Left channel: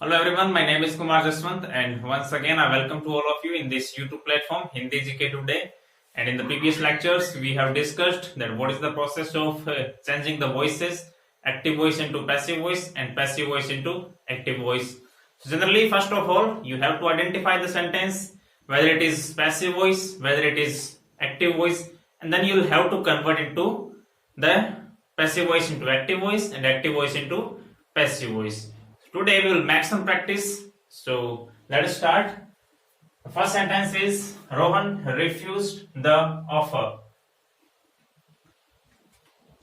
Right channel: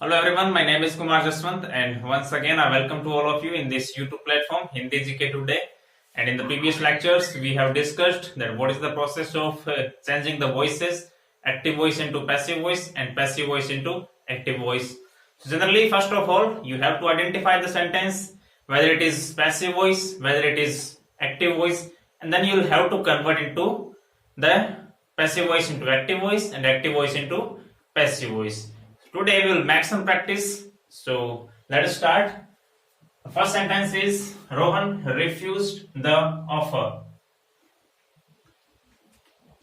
Hello everyone, my name is Kumar Jaswant and once again I welcome to all of you in this YouTube platform Hindi GK Today. And in the previous lectures we have discussed that what is the process of changing the voices, active voice into passive voice and passive voice into active voice. So generally first of all you have to identify the sentence whether it is passive voice, whether it is active voice, and then you will have to convert into the passive voice into active voice and active voice into passive voice. Today we will make some practice. So let us start. The first sentence is Rohan refused the offer.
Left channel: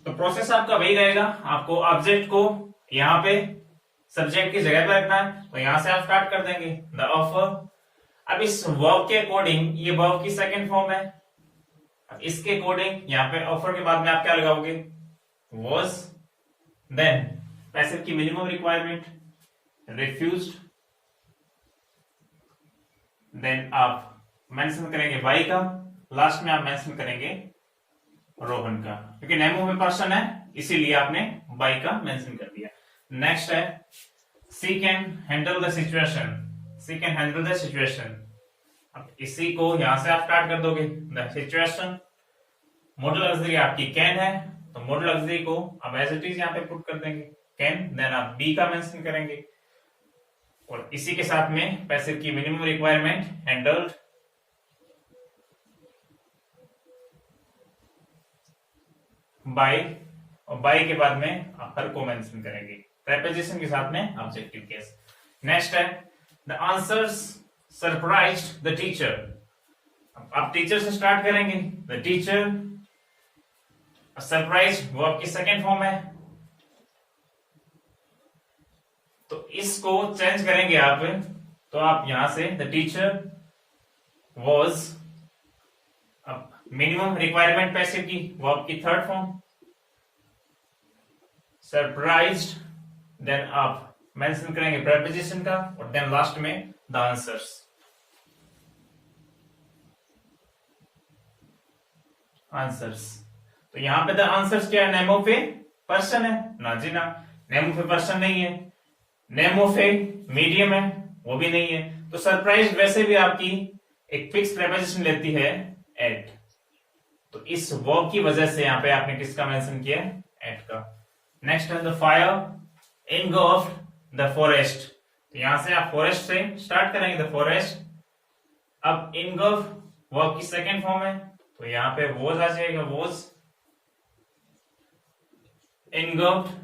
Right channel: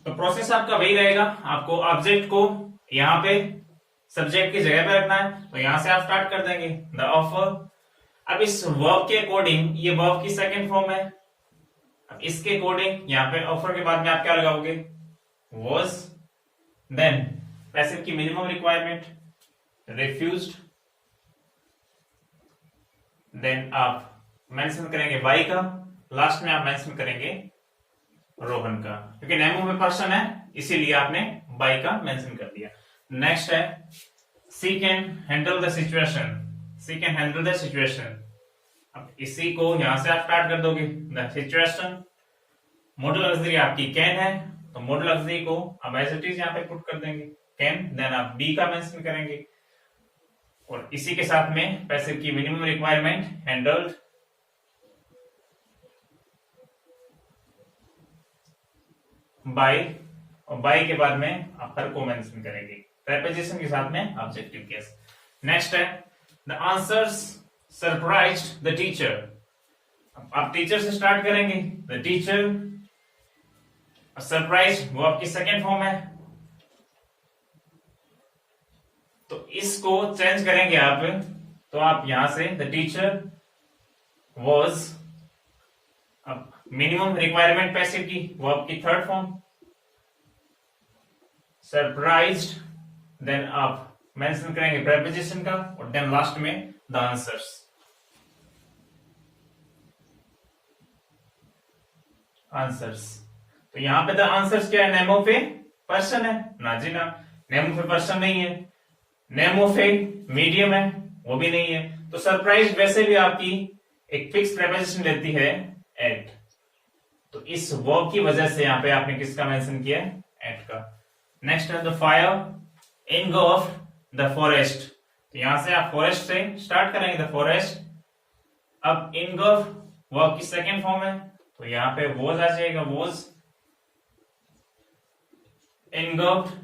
तो process आपका वही रहेगा, आपको object को यहाँ पे subject की जगह पे रखना है, तो यहां से आप स्टार्ट कर देंगे द ऑफर। अब इस वर्ब के अकॉर्डिंग ये वर्ब की सेकंड फॉर्म है, अब इसके अकॉर्डिंग यहाँ पे ऑफर के बाद में आप क्या लगाओगे, वॉज, देन पैसिव की मिनिमम रिक्वायरमेंट रिफ्यूज्ड, देन आप मेंशन करेंगे वाई का, लास्ट में आप मेंशन करेंगे रोहन का, क्योंकि नेम ऑफ ए पर्सन है इसीलिए आपने वाई का मेंशन कर दिया। नेक्स्ट है she can handle the situation, she can handle the situation. अब इसी को यहां से आप स्टार्ट कर दोगे द सिचुएशन। मॉडल ऑक्सिलरी आपकी कैन है, तो मॉडल ऑक्सिलरी को अब एज इट इज यहाँ पे पुट कर देंगे कैन, देन आप बी का मेंशन करेंगे और इसी के साथ में पैसिव की मिनिमम रिक्वायरमेंट हैंडल्ड बाय, और बाय के बाद में आप हर को मेंशन करेंगे प्रेपोजिशन के साथ में ऑब्जेक्टिव केस। नेक्स्ट है the answers surprised the teacher. आप टीचर से स्टार्ट करेंगे द टीचर, सरप्राइज वो आपकी सेकेंड फॉर्म है, तो इसको चेंज करेंगे आप, तो आप यहां से द टीचर वॉज, अब मिनिमम रिक्वायरमेंट पैसिव की वो आपकी थर्ड फॉर्म, सरप्राइज्ड, देन आप मेंशन करेंगे प्रेपोजिशन का और देन लास्ट में द आंसर्स। आंसर्स, तो यहां पे द आंसर्स क्या है, नेम ऑफ ए पर्सन है ना जी ना, नेम ऑफ ए पर्सन नहीं है, नेम ऑफ ए मीडियम है वो भी नहीं है, तो सरप्राइज वैसे भी आपकी एक फिक्स प्रेपोजिशन लेती है एट, तो इस वर्ब की वजह से यहां पे आपने किसका मेंशन किया है, एट का। नेक्स्ट है the fire engulfed the forest, तो यहां से आप फॉरेस्ट से स्टार्ट करेंगे द फॉरेस्ट। अब एनगल्फ वर्ब की सेकेंड फॉर्म है, तो यहां पे वॉज आ जाएगा वॉज एनगल्फ्ड।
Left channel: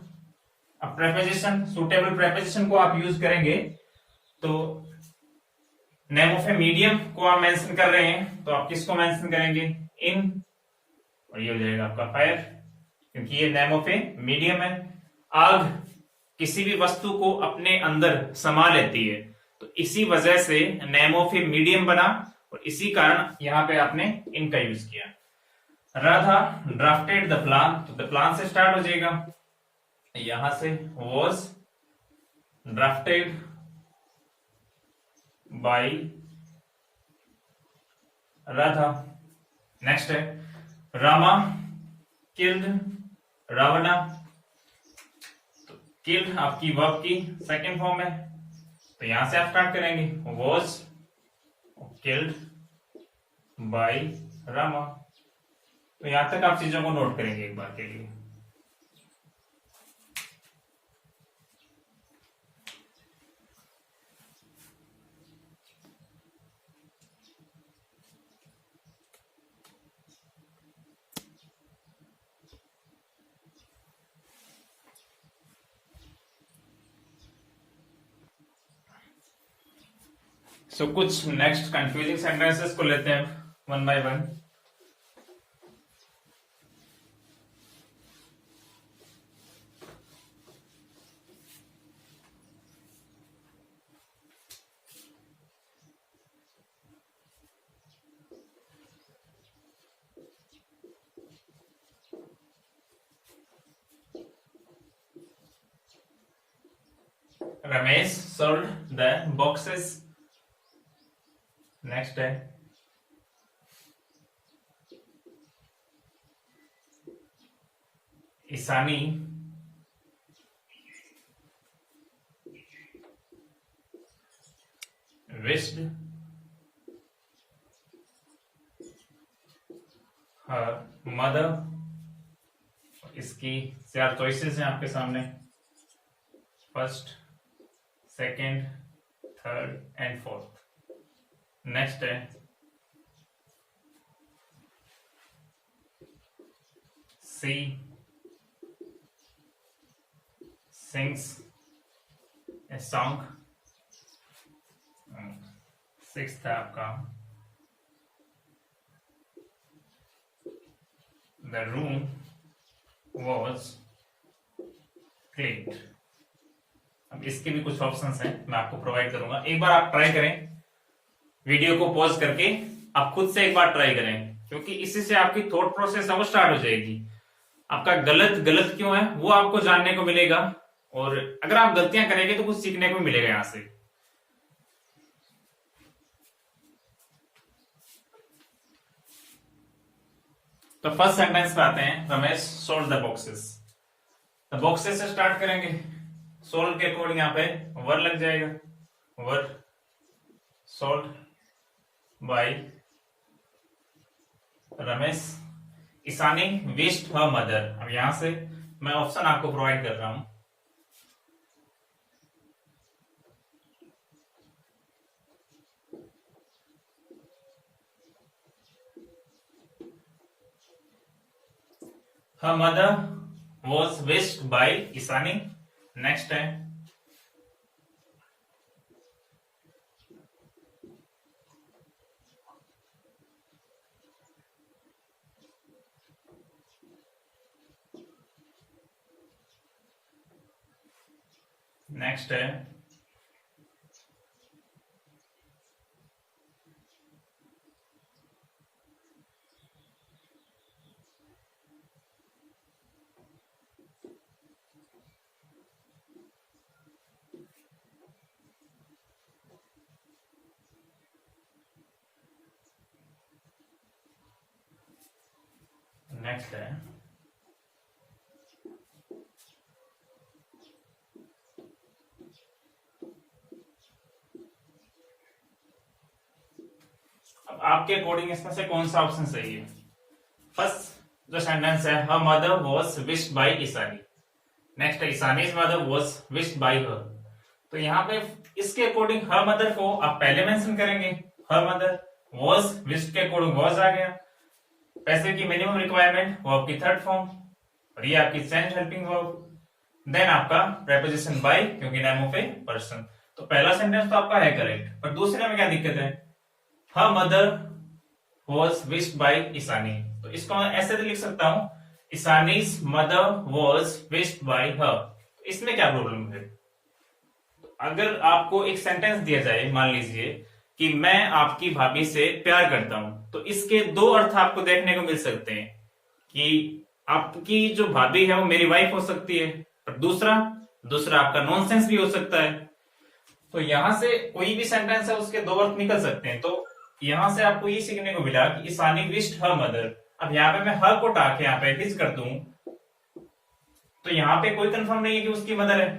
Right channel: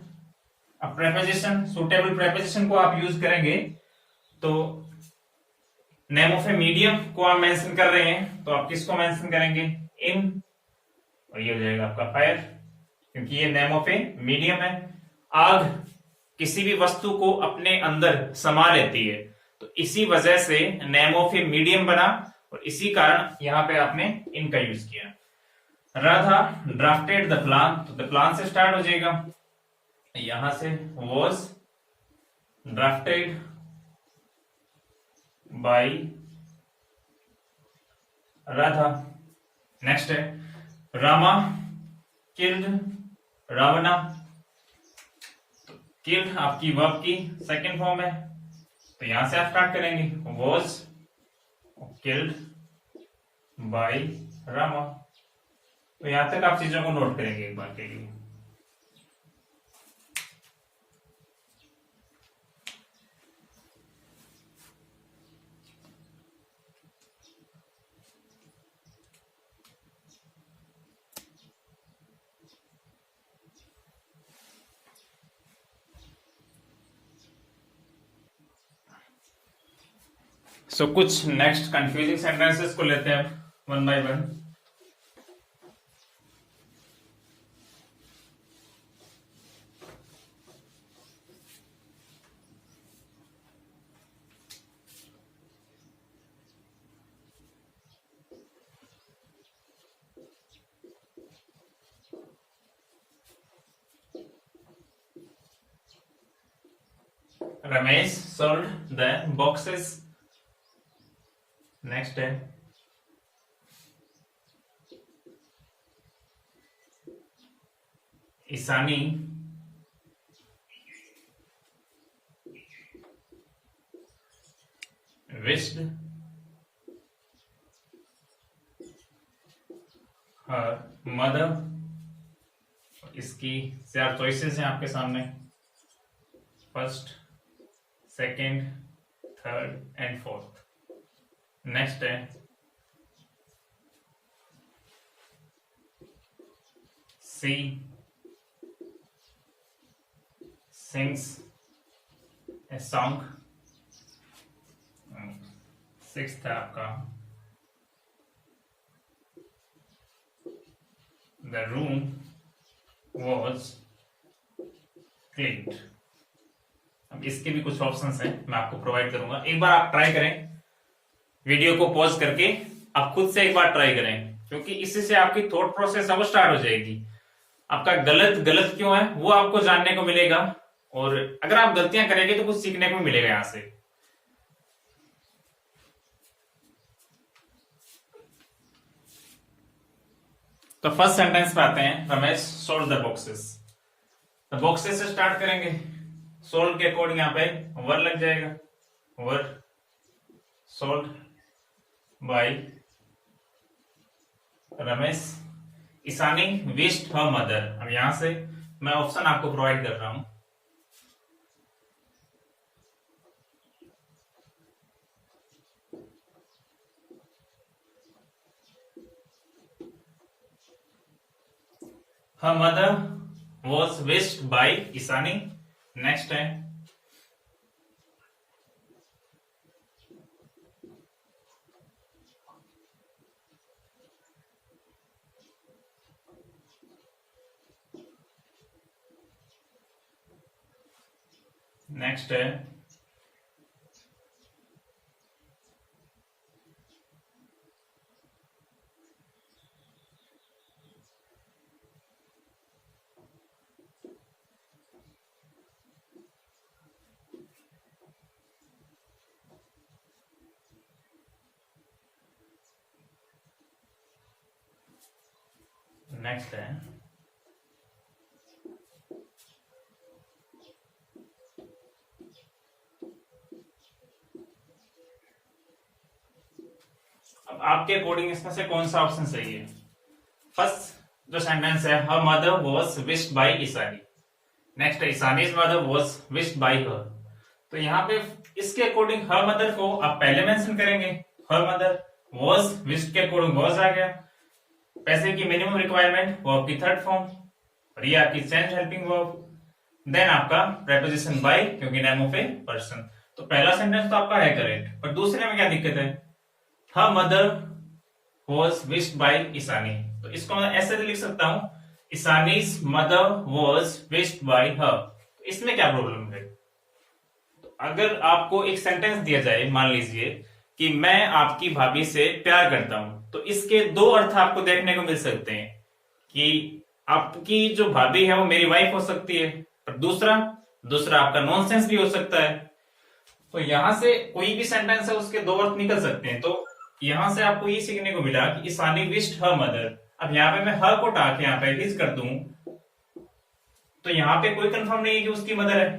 अब प्रेपोजिशन, सुटेबल प्रेपोजिशन को आप यूज करेंगे, तो नेम ऑफ ए मीडियम को आप मेंशन कर रहे हैं, तो आप किसको मेंशन करेंगे, इन, और ये हो जाएगा आपका फायर, क्योंकि ये नेम ऑफ ए मीडियम है। आग किसी भी वस्तु को अपने अंदर समा लेती है, तो इसी वजह से नेम ऑफ ए मीडियम बना और इसी कारण यहां पे आपने इनका यूज किया। राधा ड्राफ्टेड द प्लान, तो द प्लान से स्टार्ट हो जाएगा, यहां से was drafted bye Radha. Next है रामा किल्ड रावणा, तो किल्ड आपकी वर्ब की सेकेंड फॉर्म है, तो यहां से आप स्टार्ट करेंगे वॉज किल्ड बाय रामा, तो यहां तक आप चीजों को नोट करेंगे एक बार के लिए। सो कुछ नेक्स्ट कंफ्यूजिंग सेंटेंसेस को लेते हैं one by one. Ramesh sold the boxes. Next है ईशानी wished her mother। इसकी 4 चॉइसेस हैं आपके सामने, first, second, third and fourth. Next है सी sings a song। सिक्स्थ है आपका the room was cleaned। अब इसके भी कुछ ऑप्शंस हैं, मैं आपको प्रोवाइड करूंगा, एक बार आप ट्राई करें, वीडियो को पॉज करके आप खुद से एक बार ट्राई करें, क्योंकि इसी से आपकी थॉट प्रोसेस अब स्टार्ट हो जाएगी। आपका गलत गलत क्यों है वो आपको जानने को मिलेगा, और अगर आप गलतियां करेंगे तो कुछ सीखने को मिलेगा यहां से। तो फर्स्ट सेंटेंस पे आते हैं, रमेश सोल्व द बॉक्सेस। तो बॉक्सेस से स्टार्ट करेंगे, सोल्व के अकॉर्डिंग यहाँ पे वर लग जाएगा, were solve by Ramesh. Ishani wished her mother. अब यहां से मैं ऑप्शन आपको प्रोवाइड कर रहा हूं, her mother was wished by Ishani. Next है नेक्स्ट है नेक्स्ट है अब आपके अकॉर्डिंग इसमें से कौन सा ऑप्शन सही है। फर्स्ट जो सेंटेंस है, her mother was wished by Ishani. Next है Ishani's mother was wished by her. तो यहाँ पे इसके अकॉर्डिंग हर मदर को आप पहले मेंशन करेंगे, हर मदर वाज विश्ड के अकॉर्डिंग वाज आ गया। पैसे की मिनिमम रिक्वायरमेंट वो आपकी थर्ड फॉर्म, और ये आपकी चेंज हेल्पिंग वर्ब। देन आपका प्रेपोजिशन बाय, क्योंकि नेम ऑफ ए पर्सन। तो पहला सेंटेंस तो आपका है करेक्ट, पर दूसरे में क्या दिक्कत है, her mother was wished by Ishani. तो इसको मैं ऐसे भी लिख सकता हूं, Ishani's mother was wished by her. तो इसमें क्या प्रॉब्लम है। तो अगर आपको एक सेंटेंस दिया जाए, मान लीजिए कि मैं आपकी भाभी से प्यार करता हूं, तो इसके दो अर्थ आपको देखने को मिल सकते हैं कि आपकी जो भाभी है वो मेरी वाइफ हो सकती है, पर दूसरा आपका नॉनसेंस भी हो सकता है। तो यहां से कोई भी सेंटेंस है उसके दो अर्थ निकल सकते हैं। तो यहां से आपको ये सीखने को मिला कि ईशानी विश्ड हर मदर। अब यहाँ पे मैं हर को उठा के यहाँ पे हिज कर दूं, तो यहाँ पे कोई कंफर्म नहीं है कि उसकी मदर है,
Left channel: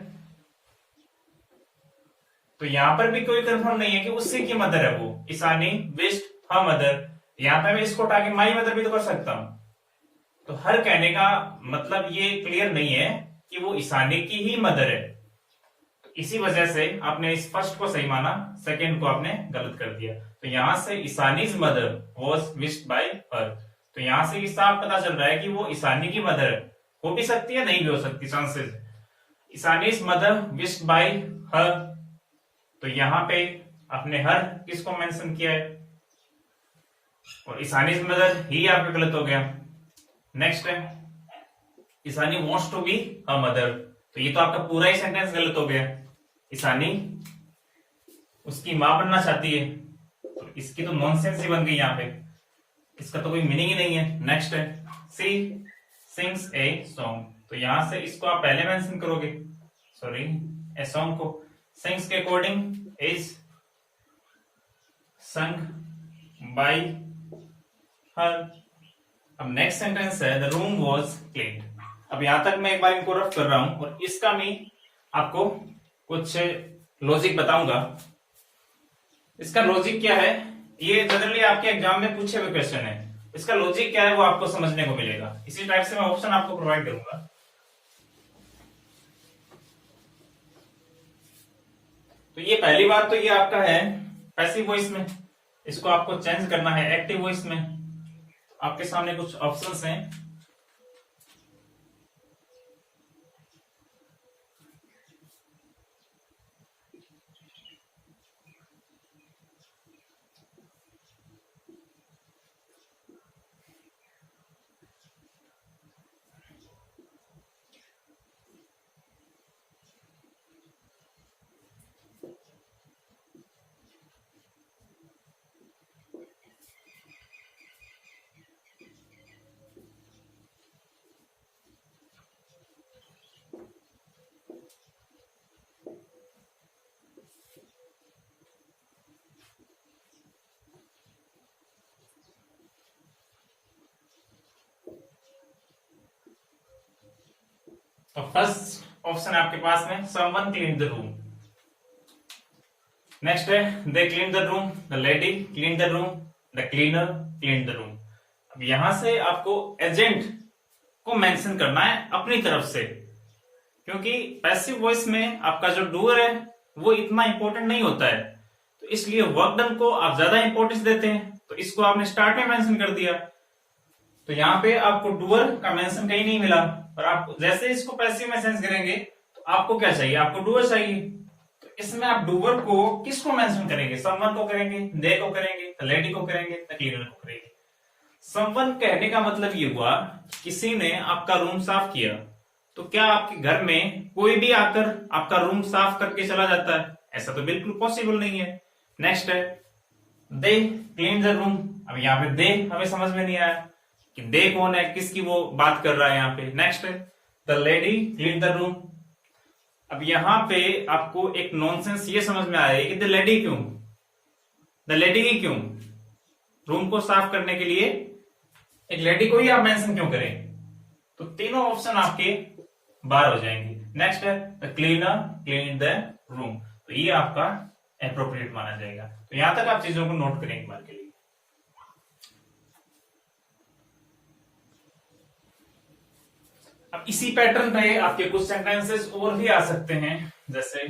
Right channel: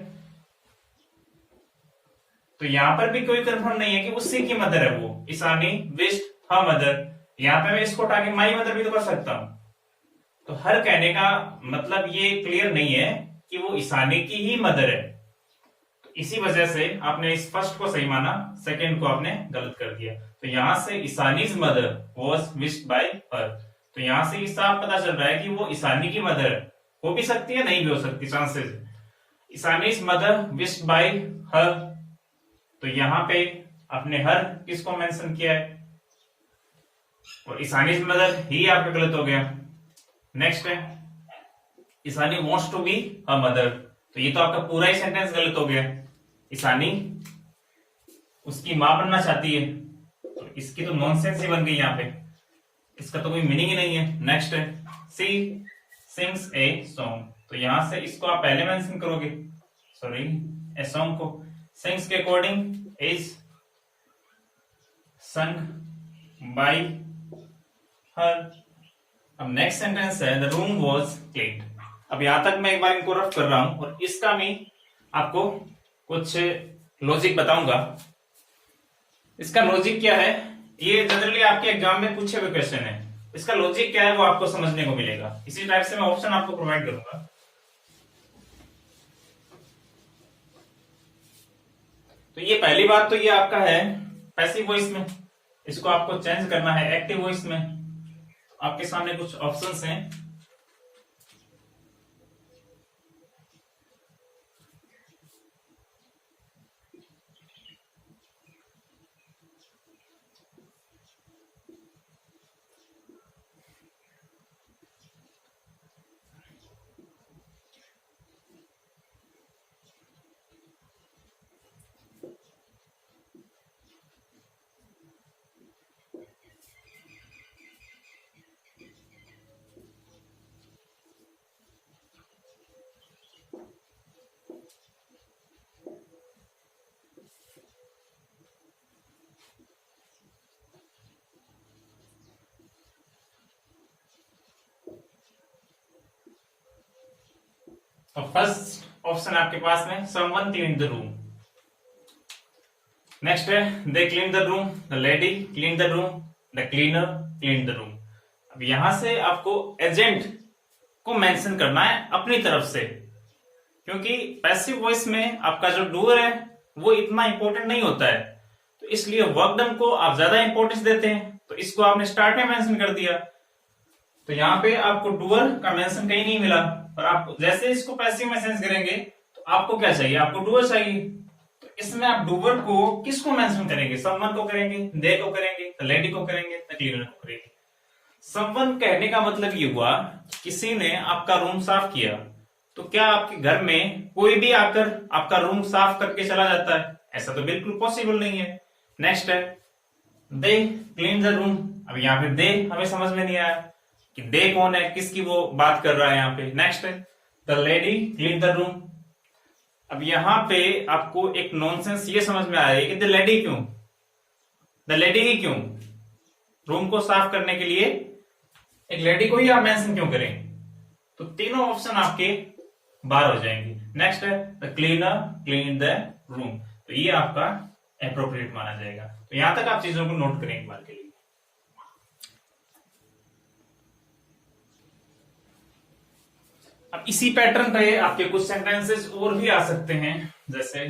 तो यहां पर भी कोई कंफर्म नहीं है कि उसी की मदर है वो। ईशानी विश्ड हर मदर, यहाँ पे मैं इसको उठा के माई मदर भी तो कर सकता हूं। तो हर कहने का मतलब ये क्लियर नहीं है कि वो ईशानी की ही मदर है। तो इसी वजह से आपने इस फर्स्ट को सही माना, सेकंड को आपने गलत कर दिया। तो यहां से Ishani's mother was wished by her. तो यहां से साफ पता चल रहा है कि वो ईशानी की मदर है, हो भी सकती है नहीं भी हो सकती, chances. Ishani's mother wished by her, तो यहां पे आपने हर किसको मेंशन किया है, और ईशानीज मदर ही आपका गलत हो गया। नेक्स्ट है Ishani wants to be a mother, तो ये तो आपका पूरा ही सेंटेंस गलत हो गया। ईशानी उसकी मां बनना चाहती है, तो इसकी तो नॉनसेंस ही बन गई यहाँ पे, इसका तो कोई मीनिंग ही नहीं है। नेक्स्ट है सी सिंग्स ए सॉन्ग, तो यहां से इसको आप पहले मेंशन करोगे, सॉरी ए सॉन्ग को। सिंग्स के अकॉर्डिंग इज संग बाय हर। अब नेक्स्ट सेंटेंस है द रूम वाज क्लीन्ड। अब यहां तक मैं एक बार इनको रफ कर रहा हूं, और इसका मैं आपको कुछ लॉजिक बताऊंगा। इसका लॉजिक क्या है, ये जनरली आपके एग्जाम में पूछे हुए क्वेश्चन है, इसका लॉजिक क्या है वो आपको समझने को मिलेगा। इसी टाइप से मैं ऑप्शन आपको प्रोवाइड करूंगा। तो ये पहली बात तो ये आपका है पैसिव वॉइस में, इसको आपको चेंज करना है एक्टिव वॉइस में। आपके सामने कुछ ऑप्शंस हैं। तो फर्स्ट ऑप्शन आपके पास में someone clean the room. Next है they clean the room, the lady clean the room, the cleaner clean the room. अब यहां से आपको एजेंट को मेंशन करना है अपनी तरफ से, क्योंकि पैसिव वॉइस में आपका जो डूअर है वो इतना इंपॉर्टेंट नहीं होता है, तो इसलिए वर्क डन को आप ज्यादा इंपॉर्टेंस देते हैं, तो इसको आपने स्टार्ट में मेंशन कर दिया। तो यहाँ पे आपको डूअर का मेंशन कहीं नहीं मिला, और आप जैसे इसको पैसिव में सेंस करेंगे तो आपको क्या चाहिए, आपको डूअर चाहिए। तो इसमें आप डूअर को किसको मेंशन करेंगे, समवन को करेंगे, दे को करेंगे, लेडी को करेंगे, क्लीनर को करेंगे। समवन कहने का मतलब ये हुआ किसी ने आपका रूम साफ किया, तो क्या आपके घर में कोई भी आकर आपका रूम साफ करके चला जाता है? ऐसा तो बिल्कुल पॉसिबल नहीं है। नेक्स्ट है दे क्लीन द रूम। अब यहाँ पे दे हमें समझ में नहीं आया कि दे कौन है, किसकी वो बात कर रहा है यहाँ पे। नेक्स्ट है the lady clean the room. अब यहाँ पे आपको एक नॉनसेंस ये समझ में आया कि द लेडी क्यों, द लेडी ही क्यों, रूम को साफ करने के लिए एक लेडी को ही आप मेंशन क्यों करें? तो तीनों ऑप्शन आपके बाहर हो जाएंगे। नेक्स्ट है the cleaner clean the room, तो ये आपका एप्रोप्रिएट माना जाएगा। तो यहां तक आप चीजों को नोट करें एक बार के लिए। अब इसी पैटर्न पे आपके कुछ सेंटेंसेस और भी आ सकते हैं, जैसे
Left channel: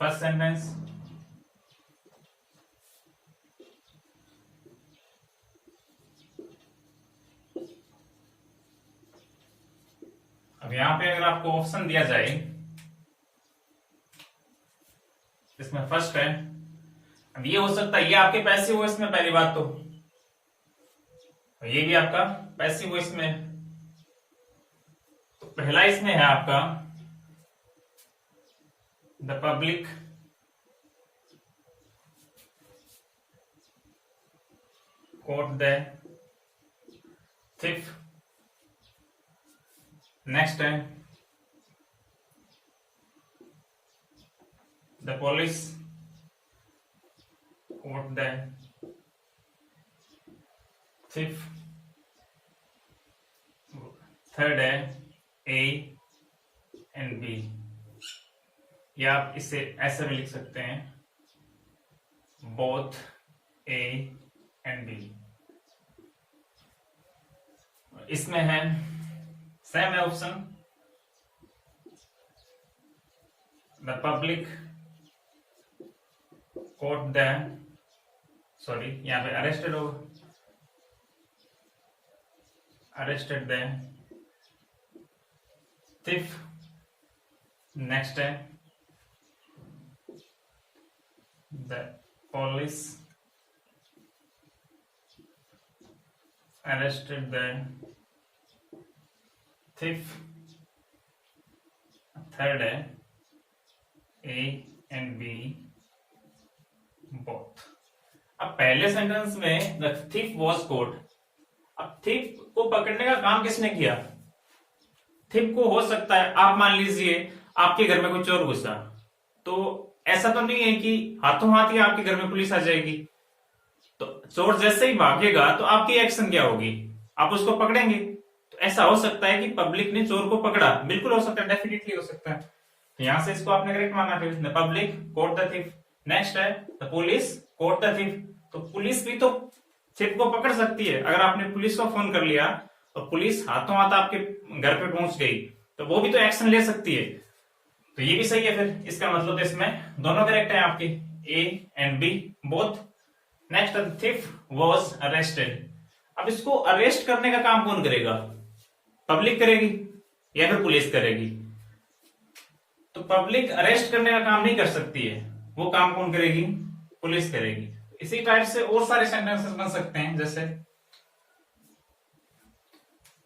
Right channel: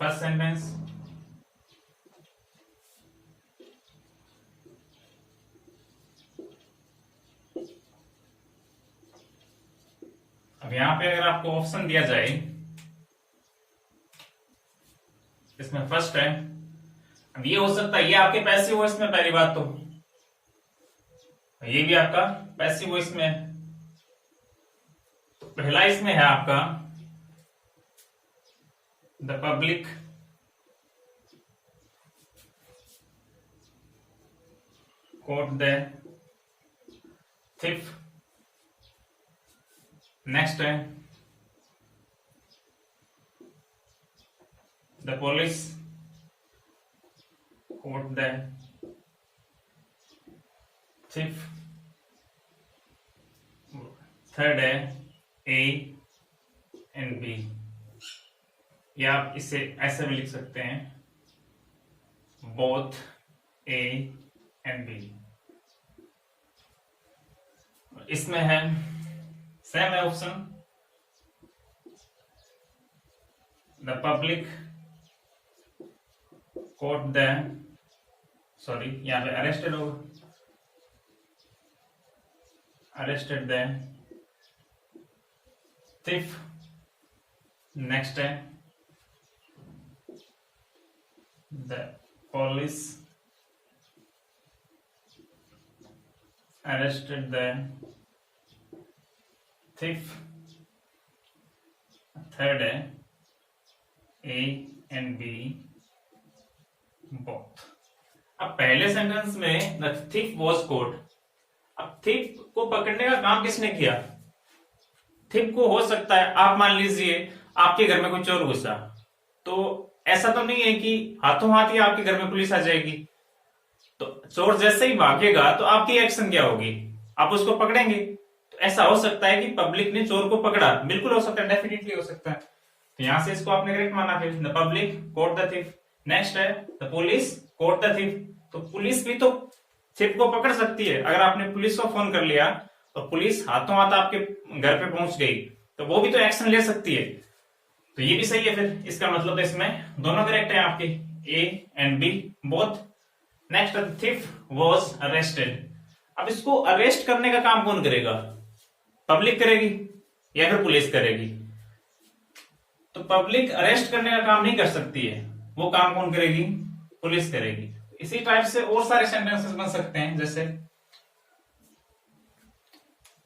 फर्स्ट सेंटेंस अब यहां पे अगर आपको ऑप्शन दिया जाए, इसमें फर्स्ट है, अब ये हो सकता है ये आपके पैसिव वॉइस में, पहली बात तो ये भी आपका पैसिव वॉइस में, तो पहला इसमें है आपका the public caught the thief। Next है the police caught the thief। Third है ए एंड बी, या आप इसे ऐसे भी लिख सकते हैं बोथ ए एंड बी। इसमें है सेम है option the public caught the, sorry यहां पे अरेस्टेड हो, अरेस्टेड द थिफ। नेक्स्ट है the police arrested the thief। Third है ए एंड बी बोथ। अब पहले सेंटेंस में द thief was caught, अब thief को पकड़ने का काम किसने किया? thief को हो सकता है आप मान लीजिए आपके घर में कोई चोर घुसा, तो ऐसा तो नहीं है कि हाथों हाथ ही आपके घर में पुलिस आ जाएगी। तो चोर जैसे ही भागेगा तो आपकी एक्शन क्या होगी, आप उसको पकड़ेंगे। तो ऐसा हो सकता है कि पब्लिक ने चोर को पकड़ा, बिल्कुल हो सकता है, डेफिनेटली हो सकता है। तो यहां से इसको आपने करेक्ट माना, फिर the public caught the thief. Next है the police caught the thief. तो पुलिस भी तो थिफ को पकड़ सकती है। अगर आपने पुलिस को फोन कर लिया और पुलिस हाथों हाथ आपके घर पे पहुंच गई तो वो भी तो एक्शन ले सकती है। तो ये भी सही है, फिर इसका मतलब इसमें दोनों करेक्ट है आपके, A and B both. Next thief was arrested. अब इसको अरेस्ट करने का काम कौन करेगा, पब्लिक करेगी या फिर पुलिस करेगी? तो पब्लिक अरेस्ट करने का काम नहीं कर सकती है, वो काम कौन करेगी, पुलिस करेगी। इसी टाइप से और सारे सेंटेंसेस बन सकते हैं, जैसे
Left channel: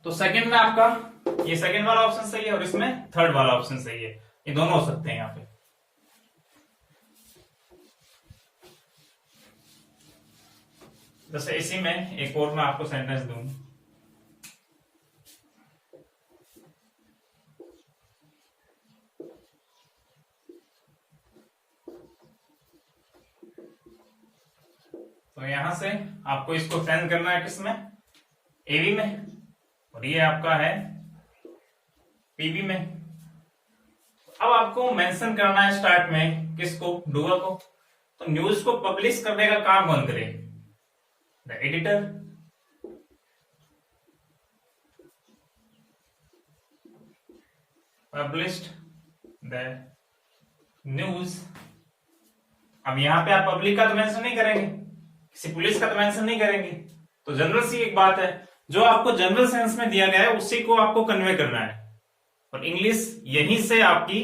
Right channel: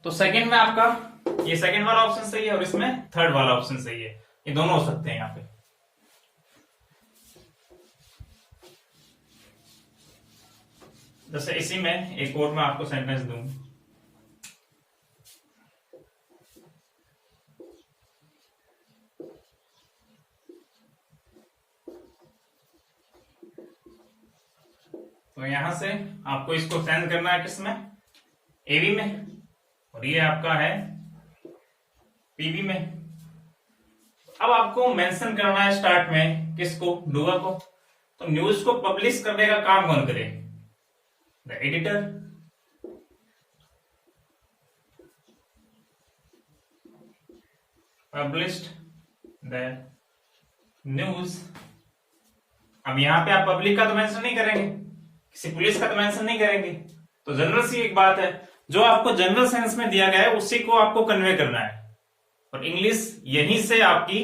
तो सेकंड में आपका ये सेकंड वाला ऑप्शन सही है और इसमें थर्ड वाला ऑप्शन सही है, ये दोनों हो सकते हैं यहां पे। जैसे इसी में एक और मैं आपको सेंटेंस दूं, तो यहां से आपको इसको चेंज करना है किसमें, एबी में, और ये आपका है पीबी में। अब आपको मेंशन करना है स्टार्ट में किसको, डूअर को। तो न्यूज को पब्लिश करने का काम कौन करे, the editor. Published the news. अब यहां पे आप पब्लिक का तो मेंशन नहीं करेंगे, किसी पुलिस का तो मेंशन नहीं करेंगे। तो जनरल सी एक बात है, जो आपको जनरल सेंस में दिया गया है उसी को आपको कन्वे करना है। और इंग्लिश यहीं से आपकी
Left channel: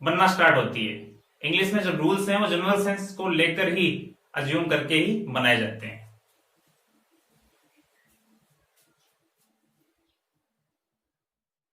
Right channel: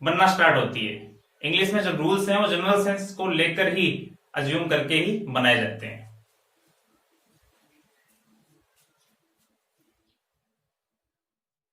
बनना स्टार्ट होती है। इंग्लिश में जो रूल्स हैं वो जनरल सेंस को लेकर ही, अज्यूम करके ही बनाए जाते हैं।